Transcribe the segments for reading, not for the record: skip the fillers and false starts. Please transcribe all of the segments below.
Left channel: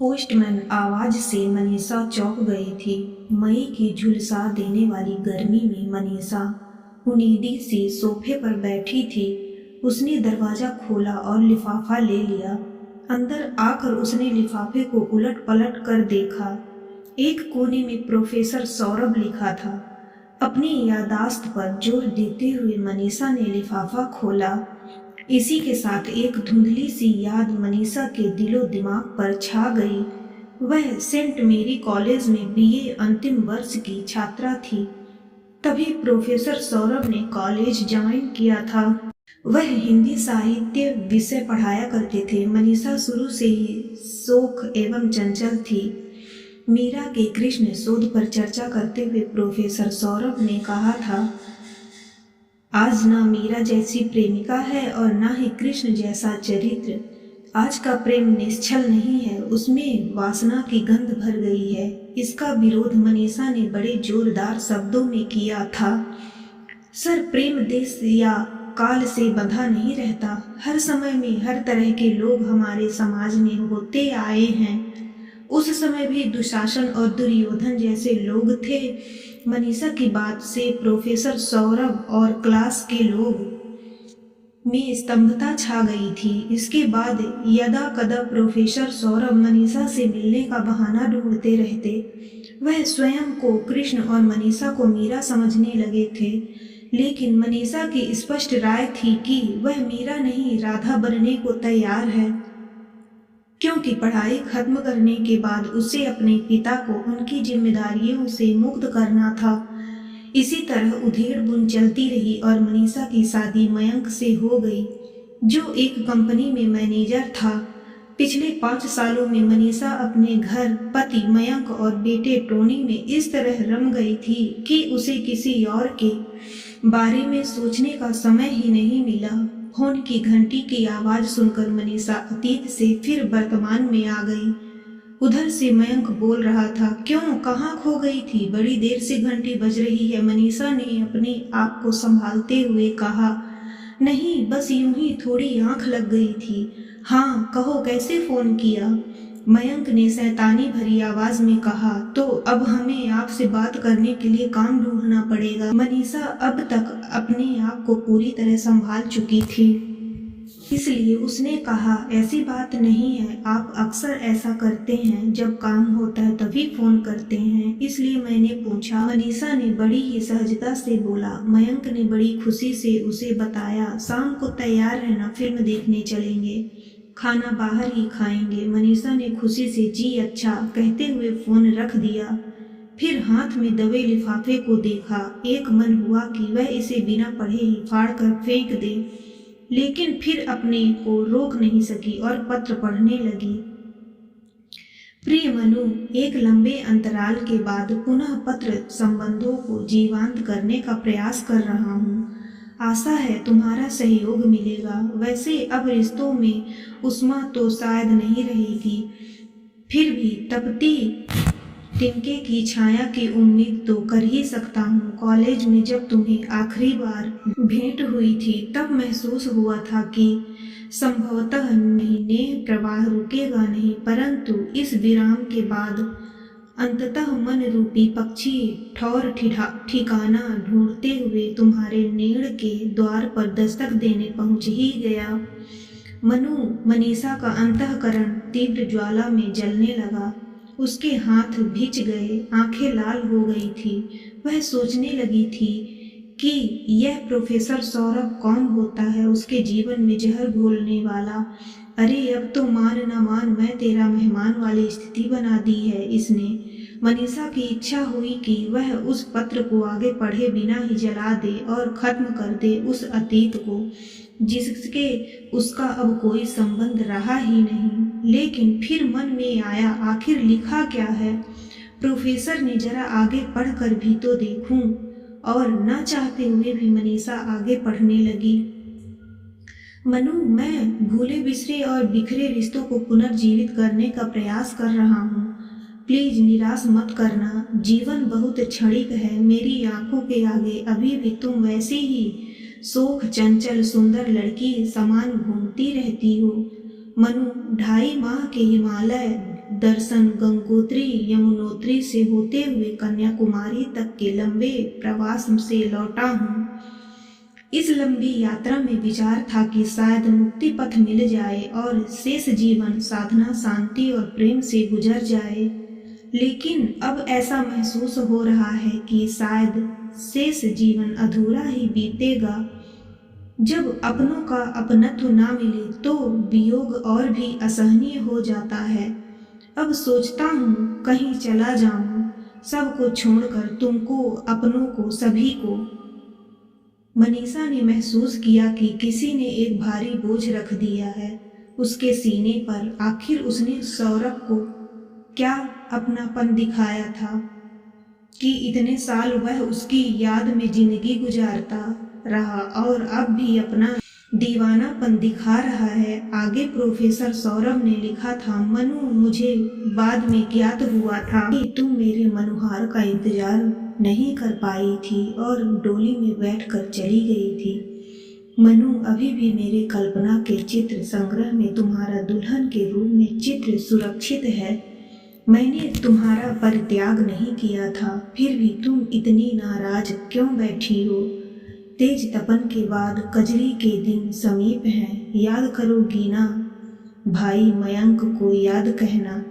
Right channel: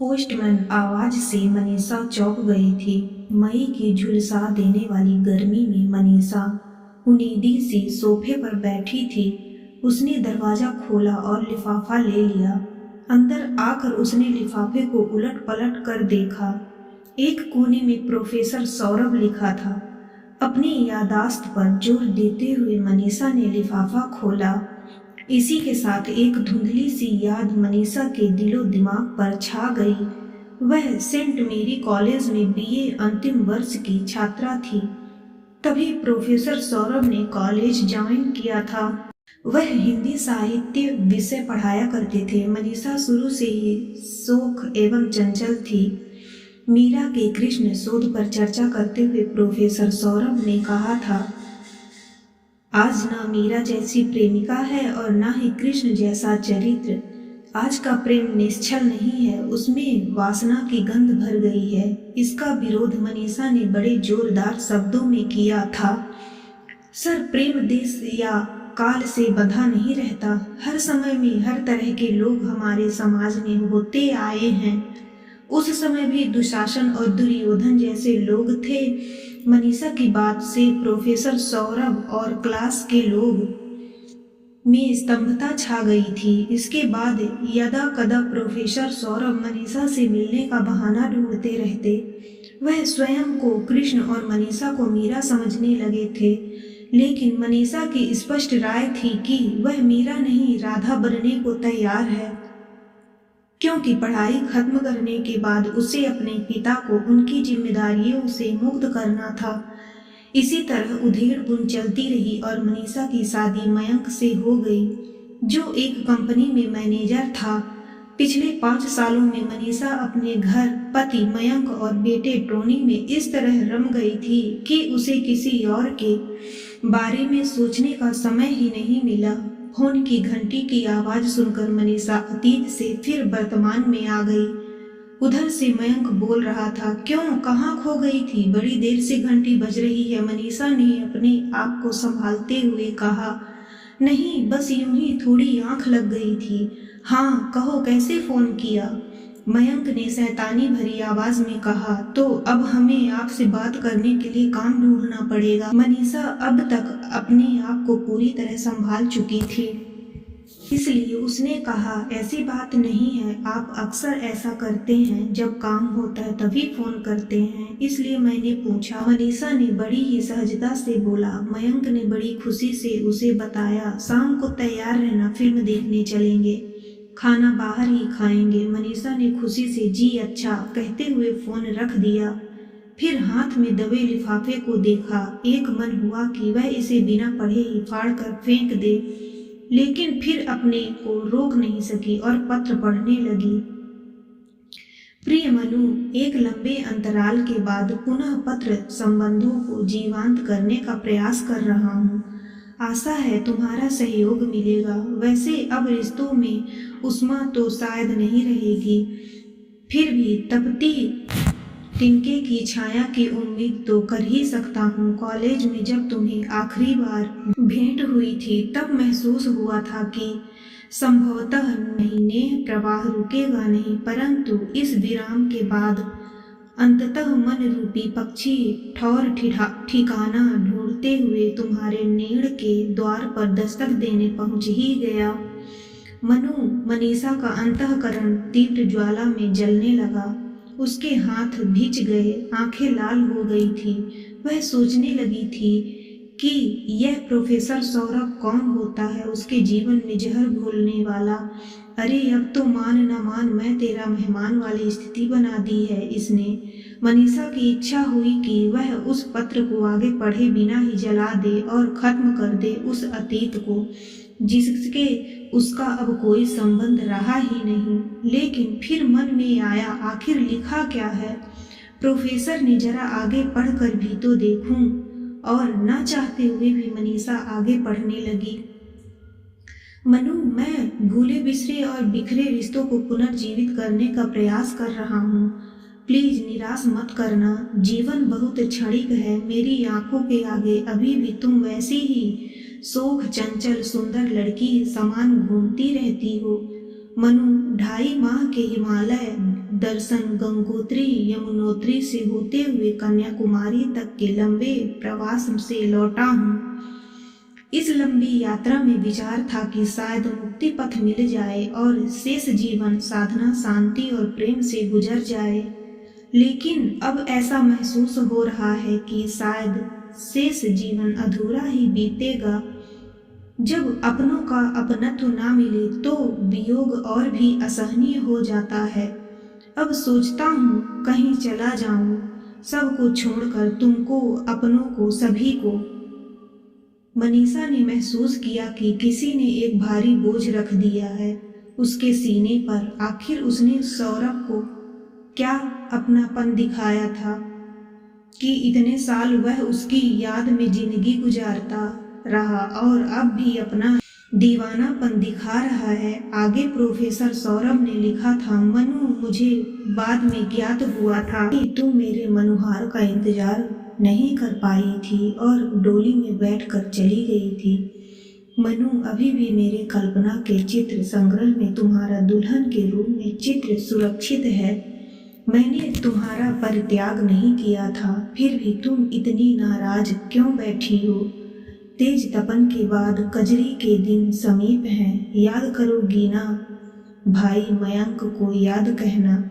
Postman आवाज से मनीषा चौंक गई थी। मई की झुलसा देने वाली गर्मी में मनीषा उनीदी से सोफे पर बैठी थी। उसने दरवाज़ा खोला और लिफाफा ले लिया। अंदर आकर उसने लिफाफे को उलट पलट कर देखा। एक कोने में प्रोफेसर सौरभ लिखा था। अपनी यादाश्त पर जोर देते हुए मनीषा ने लिफाफा खोला। इसी के साथ एक धुंधली सी याद मनीषा के दिलो दिमाग पर छा गई। वह सेंट मेरी कॉलेज में बीए अंतिम वर्ष की छात्रा थी। तभी प्रोफेसर सौरभ ने कॉलेज ज्वाइन किया था। वह हिंदी साहित्य विषय पढ़ाया करते थे। मनीषा शुरू से ही शोख एवं चंचल थी। मीरा के कृष्ण शोध पर चर्चा करते हुए प्रोफेसर सौरभ ने कहा था, आज ना मीरा जैसी प्रेमिका है और ना ही कृष्ण जैसा चरित्र। आज का प्रेम निश्चल नहीं है, उसमें वासना की गंध भर गई है। इसका विरोध मनीषा ने बड़े जोरदार शब्दों में किया था। सर, प्रेम देश या काल से बंधा नहीं रहता। हर समय में हर तरह के लोग हमारे समाज में होते आए हैं। उस समय भी दुशासन और दुर्योधन जैसे लोग थे। मनीषा की बात से प्रोफेसर सौरभ और क्लास के लोग में स्तंभता छा गई थी। इसके बाद यदा कदा प्रोफेसर सौरभ मनीषा से मिलने का बहाना ढूंढते रहते। वह स्वयं को कृष्ण और मनीषा को मीरा समझने लगे थे, लेकिन मनीषा की स्पष्ट राय थी कि वह मीरा नहीं राधा बनने को तैयार है, क्योंकि पढ़ाई खत्म करने के बाद उसे अपने पिता को उनकी जिम्मेदारियों से मुक्त करना था। इसी तरह उधेड़ बुन चलती रही और मनीषा की शादी मयंक से हो गई, जो एक कंपनी में मैनेजर था। पिछले 5 सालों में मनीषा अपने घर, पति मयंक और बेटे टोनी में इस तरह रम गई थी कि उसे किसी और के बारे में सोचने का समय ही नहीं मिला। फोन की घंटी की आवाज़ सुनकर मनीषा अतीत से फिर वर्तमान में आ गई। उधर से मयंक बोल रहा था, क्यों, कहाँ खो गई थी? बड़ी देर से घंटी बज रही है। मनीषा ने अपने आप को संभालते हुए कहा, नहीं, बस यूं ही थोड़ी आंख लग गई थी। हाँ कहो, कैसे फ़ोन किया? मयंक ने शैतानी भरी आवाज़ में कहा, तो अब हमें आपसे बात करने के लिए काम ढूंढना पड़ेगा। मनीषा अब तक अपने आप को पूरी तरह संभाल चुकी थी, इसलिए उसने कहा, ऐसी बात नहीं है, आप अक्सर ऐसा करते हैं, जब काम होता है तभी फ़ोन करते हैं, इसलिए मैंने पूछा। मनीषा ने बड़ी ही सहजता से बोला। मयंक ने बड़ी खुशी से उसे बताया, शाम को तैयार रहना, फिल्म देखने चलेंगे, खाना बाहर ही खाएंगे। मनीषा ने खुशी से जी अच्छा कहते हुए फ़ोन रख दिया। फिर हाथ में दबे लिफाफे को देखा। एक मन हुआ कि वह इसे बिना पढ़े ही फाड़ कर फेंक दे, लेकिन फिर अपने को रोक नहीं सकी और पत्र पढ़ने लगी। प्रिय मनु, एक लंबे अंतराल के बाद पुनः पत्र संबंधों को जीवंत करने का प्रयास कर रहा हूँ। आशा है तुम्हारा सहयोग मिलेगा। वैसे अब रिश्तों में उष्मा तो शायद नहीं रहेगी, फिर भी तपती तिनके की छाया की उम्मीद तो कर ही सकता हूँ। कॉलेज में जब तुम्हें आखिरी बार भेंट हुई थी तब महसूस हुआ था कि संभवतः महीने प्रवाह रुकेगा नहीं, परंतु इस विराम के बाद अंततः मन रूपी पक्षी ठौर ठिकाना ढूंढते हुए तुम्हारे नेड़ के द्वार पर दस्तक देने पहुंच ही गया। मनु, मनीषा का अंतःकरण तीव्र ज्वाला में जलने लगा। उसके हाथ भिज गए, आंखें लाल हो गई थी। वह सोचने लगी थी कि यह प्रोफेसर सौरभ कौन होता है, उसके जीवन में जहर घोलने वाला। अरे अब तो मान न मान मैं तेरा मेहमान वाली स्थिति बना दी है इसने। मनीषा की इच्छा हुई कि वह उस पत्र को आगे पढ़े बिना ही जला दे और ख़त्म कर दे उस अतीत को, जिसके उसका अब कोई संबंध रहा ही नहीं। लेकिन फिर मन में आया, आखिर लिखा क्या है? प्रोफेसर ने जरा आगे पढ़कर भी तो देखूं। और न चाहते हुए भी मनीषा आगे पढ़ने लगी। मनु, मैं भूले बिसरे और बिखरे रिश्तों को पुनर्जीवित करने का प्रयास कर रहा हूँ। प्लीज निराश मत करना। जीवन बहुत क्षणिक है। मेरी आंखों के आगे अभी भी तुम वैसी ही शोख चंचल सुंदर लड़की समान घूमती रहती हो। मनु, 2.5 माह के हिमालय दर्शन गंगोत्री यमुनोत्री से होते हुए कन्याकुमारी तक के लंबे प्रवास से लौटा हूँ। इस लंबी यात्रा में विचार था कि शायद मुक्ति पथ मिल जाए और शेष जीवन साधना, शांति और प्रेम से गुजर जाए, लेकिन अब ऐसा महसूस हो रहा है कि शायद शेष जीवन अधूरा ही बीतेगा। जब अपनों का अपनत्व ना मिले तो वियोग और भी असहनीय हो जाता है। अब सोचता हूँ कहीं चला जाऊँ, सबको छोड़कर, तुमको, अपनों को, सभी को। मनीषा ने महसूस किया कि किसी ने एक भारी बोझ रख दिया है उसके सीने पर। आखिर उसने सौरभ को क्या अपनापन दिखाया था कि इतने साल वह उसकी याद में जिंदगी गुजारता रहा और अब भी अपना दीवानापन दिखा रहा है। आगे प्रोफेसर सौरभ ने लिखा था, मनु, मुझे बाद में ज्ञात हुआ था कि तुम मेरे मनोहार का इंतजार नहीं कर पाई थी और डोली में बैठकर चली गई थी। मनु, अभी भी मेरे कल्पना के चित्र संग्रह में तुम्हारा दुल्हन के रूप में चित्र सुरक्षित है। मैंने तुम्हारा परित्याग नहीं किया था, फिर भी तुम इतनी नाराज क्यों बैठी हो? तेज तपन के बाद कजरी के दिन समीप हैं, याद करोगी ना? भाई मयंक को याद कहना।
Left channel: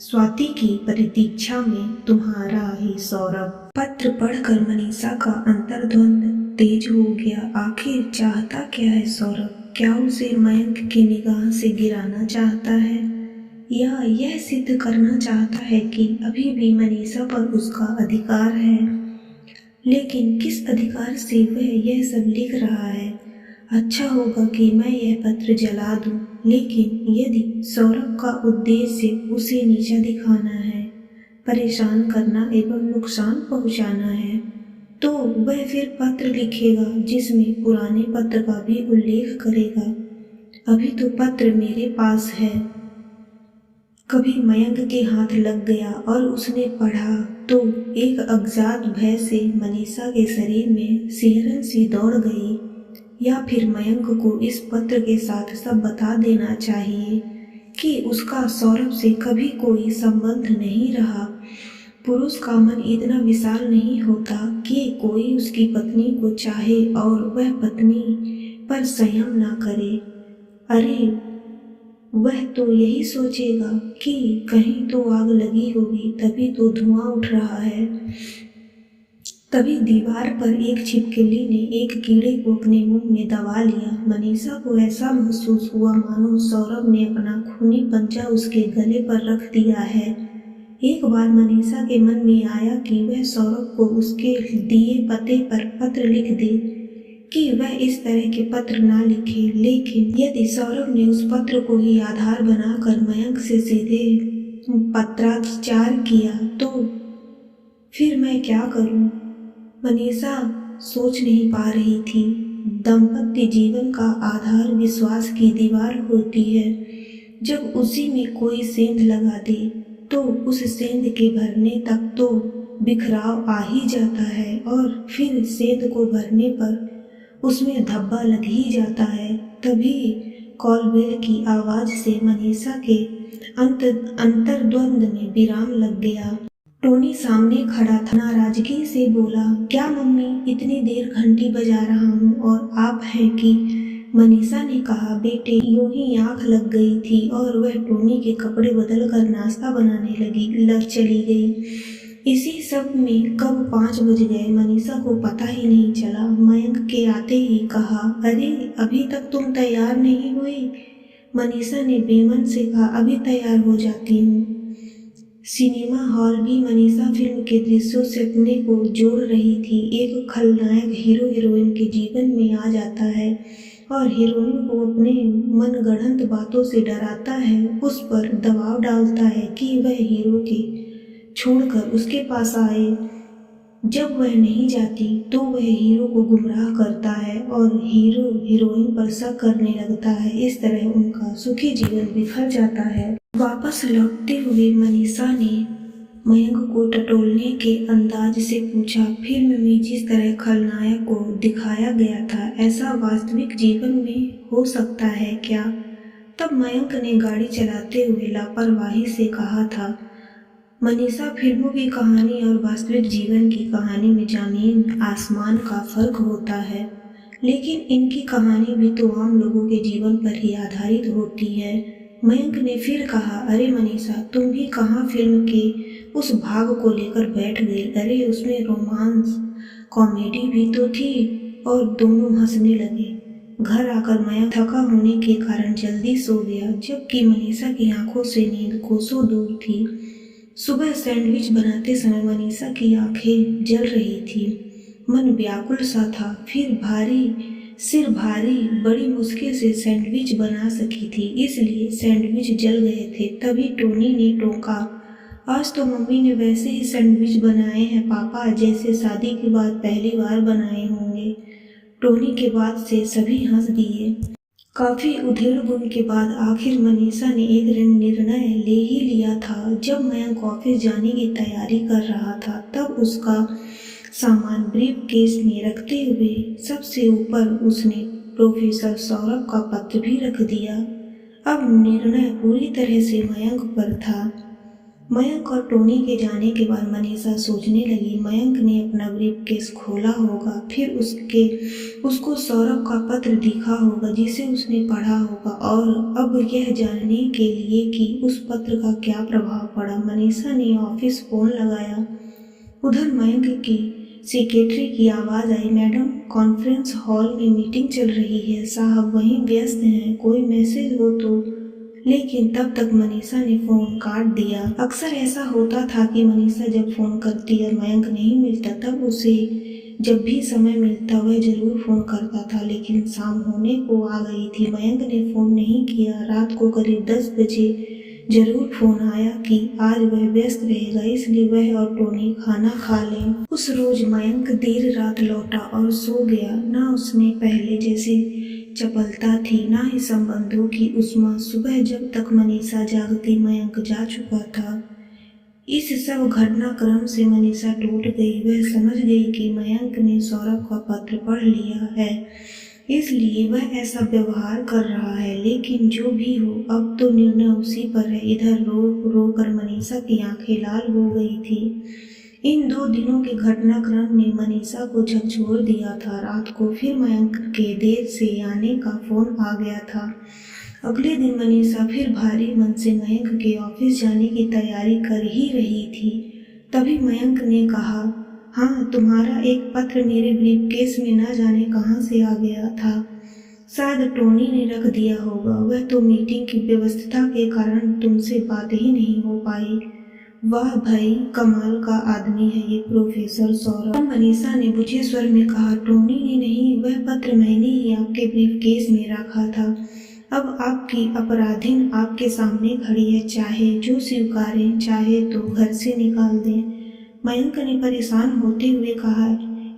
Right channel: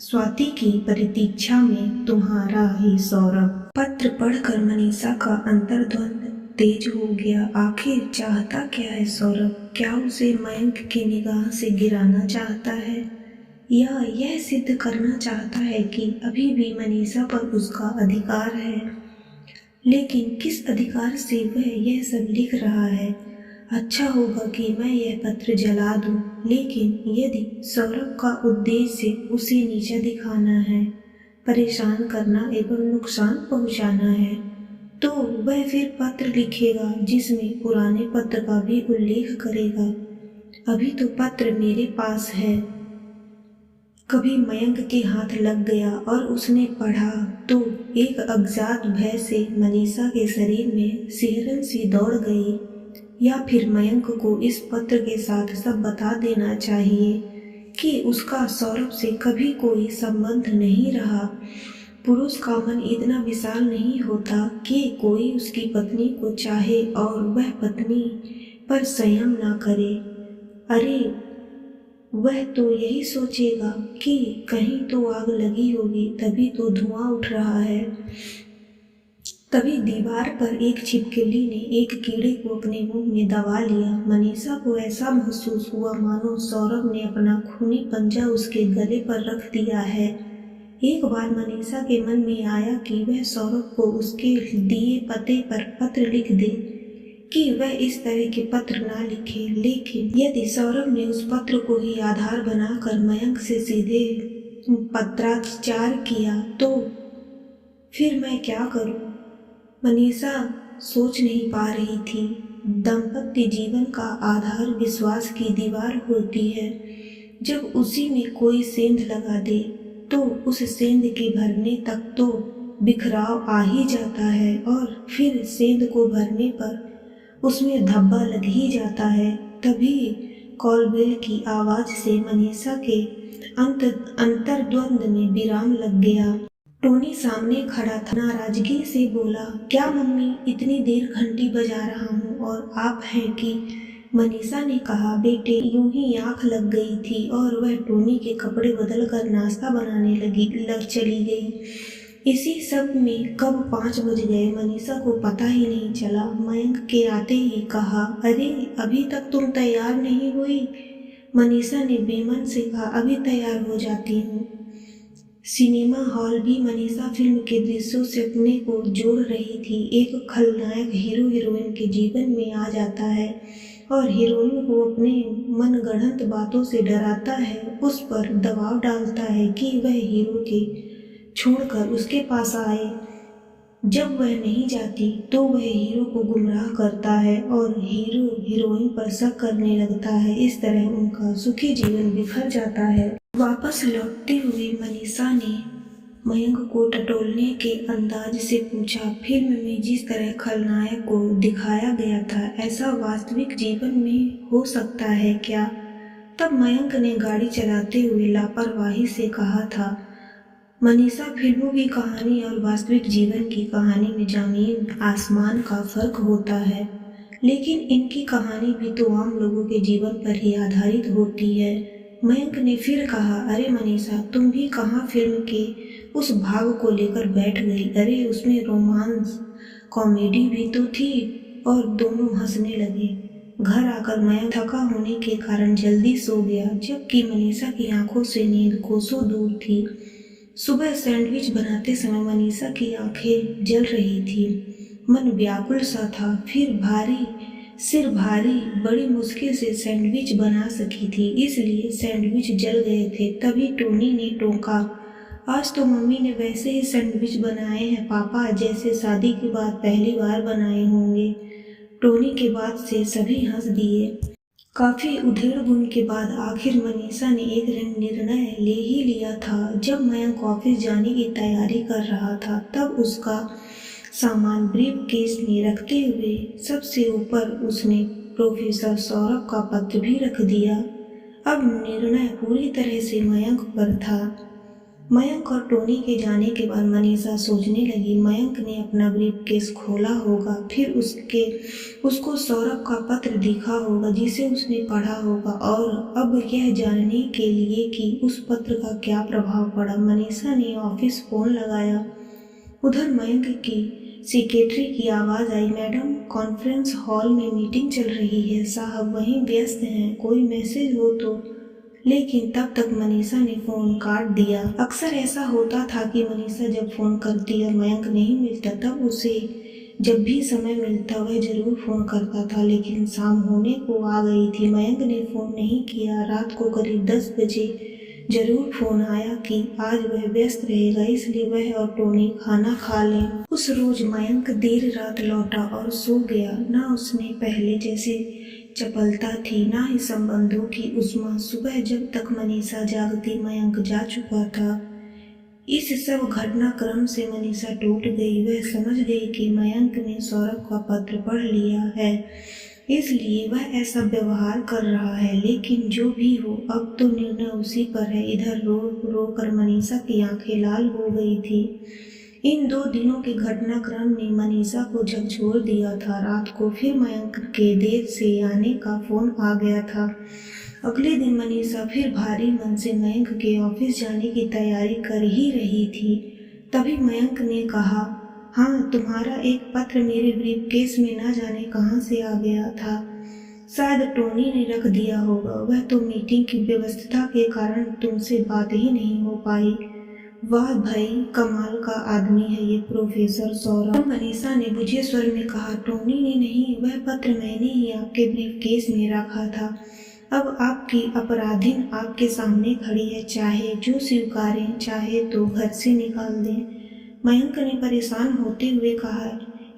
स्वाति की प्रतीक्षा में तुम्हारा ही सौरभ। पत्र पढ़कर मनीषा का अंतर्द्वंद तेज हो गया। आखिर चाहता क्या है सौरभ? क्या उसे मयंक की निगाह से गिराना चाहता है या यह सिद्ध करना चाहता है कि अभी भी मनीषा पर उसका अधिकार है? लेकिन किस अधिकार से वह यह सब लिख रहा है? अच्छा होगा कि मैं यह पत्र जला दूं, लेकिन यदि सौरभ का उद्देश्य उसे नीचा दिखाना है, परेशान करना एवं नुकसान पहुंचाना है, तो वह फिर पत्र लिखेगा जिसमें पुराने पत्र का भी उल्लेख करेगा। अभी तो पत्र मेरे पास है। कभी मयंक के हाथ लग गया और उसने पढ़ा तो एक अज्ञात भय से मनीषा के शरीर में सिहरन सी दौड़ गई। या फिर मयंक को इस पत्र के साथ सब बता देना चाहिए कि उसका सौरभ से कभी कोई संबंध नहीं रहा। पुरुष का मन इतना विशाल नहीं होता कि कोई उसकी पत्नी को चाहे और वह पत्नी पर संयम ना करे। अरे, वह तो यही सोचेगा कि कहीं तो आग लगी होगी, तभी तो धुआं उठ रहा है। तभी दीवार पर एक छिपकली ने एक कीड़े को अपने मुंह में दबा लिया। मनीषा को ऐसा महसूस हुआ मानो सौरभ ने अपना खूनी पंजा उसके गले पर रख दिया है। एक बार मनीषा के मन में आया कि वह सौरभ को उसके दिए पते पर पत्र लिख दे, कि वह इस तरह के पत्र ना लिखे। लेकिन यदि सौरभ ने उस पत्र को ही आधार बनाकर मयंक से सीधे पत्राचार किया तो फिर मैं क्या करूं? मनीषा सोच नहीं पा रही थी। दाम्पत्य जीवन का आधार विश्वास की दीवार होती है। जब उसी में कोई सेंध लगा दे तो उस सेंध के भरने तक तो बिखराव आ ही जाता है और फिर सेंध को भरने पर उसमें धब्बा लग ही जाता है। तभी कॉलबेल की आवाज से मनीषा के अंतर्द्वंद में विराम लग गया। टोनी सामने खड़ा था, नाराजगी से बोला, क्या मम्मी, इतनी देर घंटी बजा रहा हूँ और आप हैं कि? मनीषा ने कहा, बेटे, यूं ही आंख लग गई थी और वह टोनी के कपड़े बदल कर नाश्ता बनाने चली गई। इसी सब में कब 5 बज गए मनीषा को पता ही नहीं चला। मयंक के आते ही कहा, अरे, अभी तक तुम तैयार नहीं हुई? मनीषा ने बेमन से कहा, अभी तैयार हो जाती हूँ। सिनेमा हॉल भी मनीषा फिल्म के दृश्यों से अपने को जोड़ रही थी। एक खलनायक हीरो हीरोइन के जीवन में आ जाता है और हीरोइन को अपने मनगढ़ंत बातों से डराता है, उस पर दबाव डालता है कि वह हीरो के छोड़कर उसके पास आए। जब वह नहीं जाती तो वह हीरो को गुमराह करता है और हीरो हीरोइन पर शक करने लगता है। इस तरह उनका सुखी जीवन बिखर जाता है। वापस लौटते हुए मनीषा ने मयंक को टटोलने के अंदाज से पूछा, फिल्म में जिस तरह खलनायक को दिखाया गया था, ऐसा वास्तविक जीवन में हो सकता है क्या? तब मयंक ने गाड़ी चलाते हुए लापरवाही से कहा था, मनीषा, फिल्मों की कहानी और वास्तविक जीवन की कहानी में ज़मीन आसमान का फर्क होता है, लेकिन इनकी कहानी भी तो आम लोगों के जीवन पर ही आधारित होती है। मयंक ने फिर कहा, अरे मनीषा, तुम भी कहाँ फिल्म के उस भाग को लेकर बैठ गई? अरे उसमें रोमांस कॉमेडी भी तो थी। और दोनों हंसने लगे। घर आकर मयंक थका होने के कारण जल्दी सो गया, जबकि मनीषा की आंखों से नींद कोसों दूर थी। सुबह सैंडविच बनाते समय मनीषा की आंखें जल रही थी, मन व्याकुल सा था। सिर भारी, बड़ी मुश्किल से सैंडविच बना सकी थी, इसलिए सैंडविच जल गए थे। तभी टोनी ने टोका, आज तो मम्मी ने वैसे ही सैंडविच बनाए हैं पापा, जैसे शादी के बाद पहली बार बनाए होंगे। टोनी के बात से सभी हंस दिए। काफ़ी उधेड़-बुन के बाद आखिर मनीषा ने एक निर्णय ले ही लिया था। जब मयंक ऑफिस जाने की तैयारी कर रहा था, तब उसका सामान ब्रीफकेस में रखते हुए सबसे ऊपर उसने प्रोफेसर सौरभ का पत्र भी रख दिया। अब निर्णय पूरी तरह से मयंक पर था। मयंक और टोनी के जाने के बाद मनीषा सोचने लगी, मयंक ने अपना ब्रीफकेस खोला होगा, फिर उसको सौरभ का पत्र दिखा होगा जिसे उसने पढ़ा होगा, और अब यह जानने के लिए कि उस पत्र का क्या प्रभाव पड़ा, मनीषा ने ऑफिस फ़ोन लगाया। उधर मयंक की सेक्रेटरी की आवाज़ आई, मैडम, कॉन्फ्रेंस हॉल में मीटिंग चल रही है, साहब वहीं व्यस्त हैं, कोई मैसेज हो तो। लेकिन तब तक मनीषा ने फ़ोन काट दिया। अक्सर ऐसा होता था कि मनीषा जब फ़ोन करती और मयंक नहीं मिलता, तब उसे जब भी समय मिलता वह ज़रूर फ़ोन करता था, लेकिन शाम होने को आ गई थी, मयंक ने फ़ोन नहीं किया। रात को करीब 10 बजे ज़रूर फ़ोन आया कि आज वह व्यस्त रहेगा, इसलिए वह और टोनी खाना खा लें। उस रोज़ मयंक देर रात लौटा और सो गया। ना उसने पहले जैसी चपलता थी, ना ही संबंधों की उष्मा। सुबह जब तक मनीषा जागती, मयंक जा चुका था। इस सब घटनाक्रम से मनीषा टूट गई। वह समझ गई कि मयंक ने सौरभ का पत्र पढ़ लिया है, इसलिए वह ऐसा व्यवहार कर रहा है। लेकिन जो भी हो, अब तो निर्णय उसी पर है। इधर रो रो कर मनीषा की आंखें लाल हो गई थी। इन 2 दिनों के घटनाक्रम ने मनीषा को झकझोर दिया था। रात को फिर मयंक के देर से आने का फ़ोन आ गया था। अगले दिन मनीषा फिर भारी मन से मयंक के ऑफिस जाने की तैयारी कर ही रही थी। तभी मयंक ने कहा, हाँ, तुम्हारा एक पत्र मेरे ब्रीफकेस में ना जाने कहाँ से आ गया था। शायद टोनी ने रख दिया होगा। वह तो मीटिंग की व्यस्तता के कारण तुमसे बात ही नहीं हो पाई। वाह भाई, कमाल का आदमी है ये प्रोफेसर सौरभ। मनीषा ने बुझे स्वर में कहा, टोनी ने नहीं, वह पत्र मैंने ही आपके ब्रीफकेस में रखा था। अब आपकी अपराधीन आपके सामने खड़ी है, चाहे जो स्वीकारें, चाहे तो घर से निकाल दें। मयंक ने परेशान होते हुए कहा,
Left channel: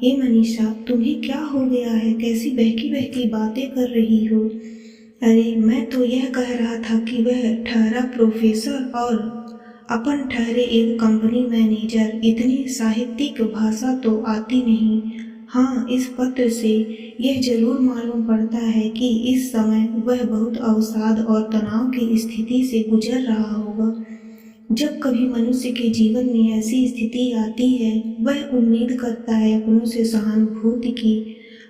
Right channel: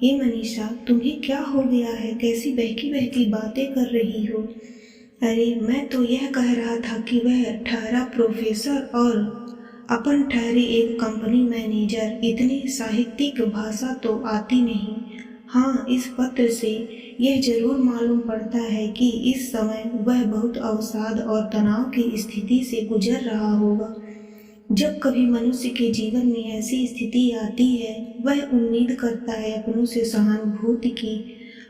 हे मनीषा, तुम्हें क्या हो गया है? कैसी बहकी बहकी बातें कर रही हो? अरे मैं तो यह कह रहा था कि वह ठहरा प्रोफेसर और अपन ठहरे एक कंपनी मैनेजर। इतनी साहित्यिक भाषा तो आती नहीं। हाँ, इस पत्र से यह जरूर मालूम पड़ता है कि इस समय वह बहुत अवसाद और तनाव की स्थिति से गुजर रहा होगा। जब कभी मनुष्य के जीवन में ऐसी स्थिति आती है, वह उम्मीद करता है अपनों से सहानुभूति की,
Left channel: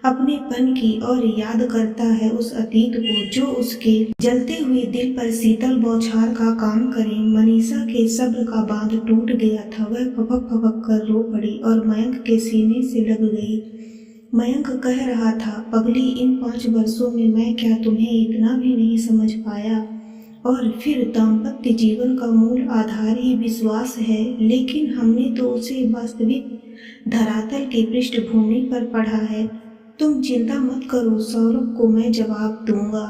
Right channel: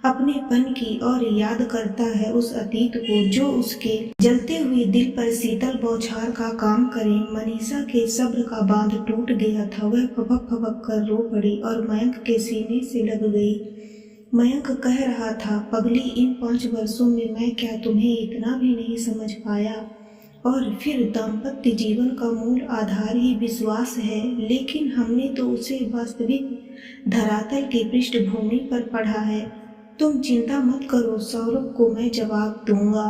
अपनेपन की, और याद करता है उस अतीत को जो उसके जलते हुए दिल पर शीतल बौछार का काम करे। मनीषा के सब्र का बांध टूट गया था। वह फपक फपक कर रो पड़ी और मयंक के सीने से लग गई। मयंक कह रहा था, पगली, इन 5 वर्षों में मैं क्या तुम्हें इतना भी नहीं समझ पाया? और फिर दाम्पत्य जीवन का मूल आधार ही विश्वास है, लेकिन हमने तो उसे वास्तविक धरातल की पृष्ठभूमि पर पढ़ा है। तुम चिंता मत करो, सौरभ को मैं जवाब दूंगा।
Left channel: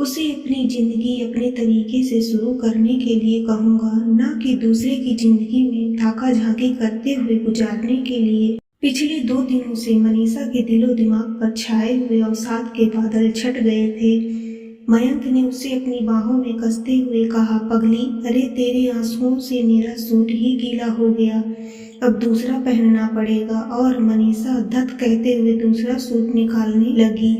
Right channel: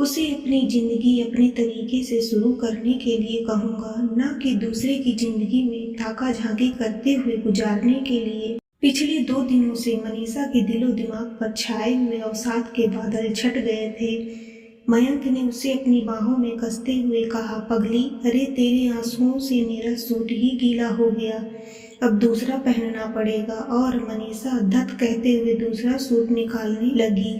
उसे अपनी जिंदगी अपने तरीके से शुरू करने के लिए कहूँगा, ना कि दूसरे की जिंदगी में ताका झांकी करते हुए गुजारने के लिए। पिछले 2 दिनों से मनीषा के दिलो दिमाग पर छाए हुए अवसाद के बादल छट गए थे। मयंक ने उसे अपनी बाहों में कसते हुए कहा, पगली, अरे तेरे आंसुओं से मेरा सूट ही गीला हो गया, अब दूसरा पहनना पड़ेगा। और मनीषा धत कहते हुए दूसरा सूट निकालने लगी।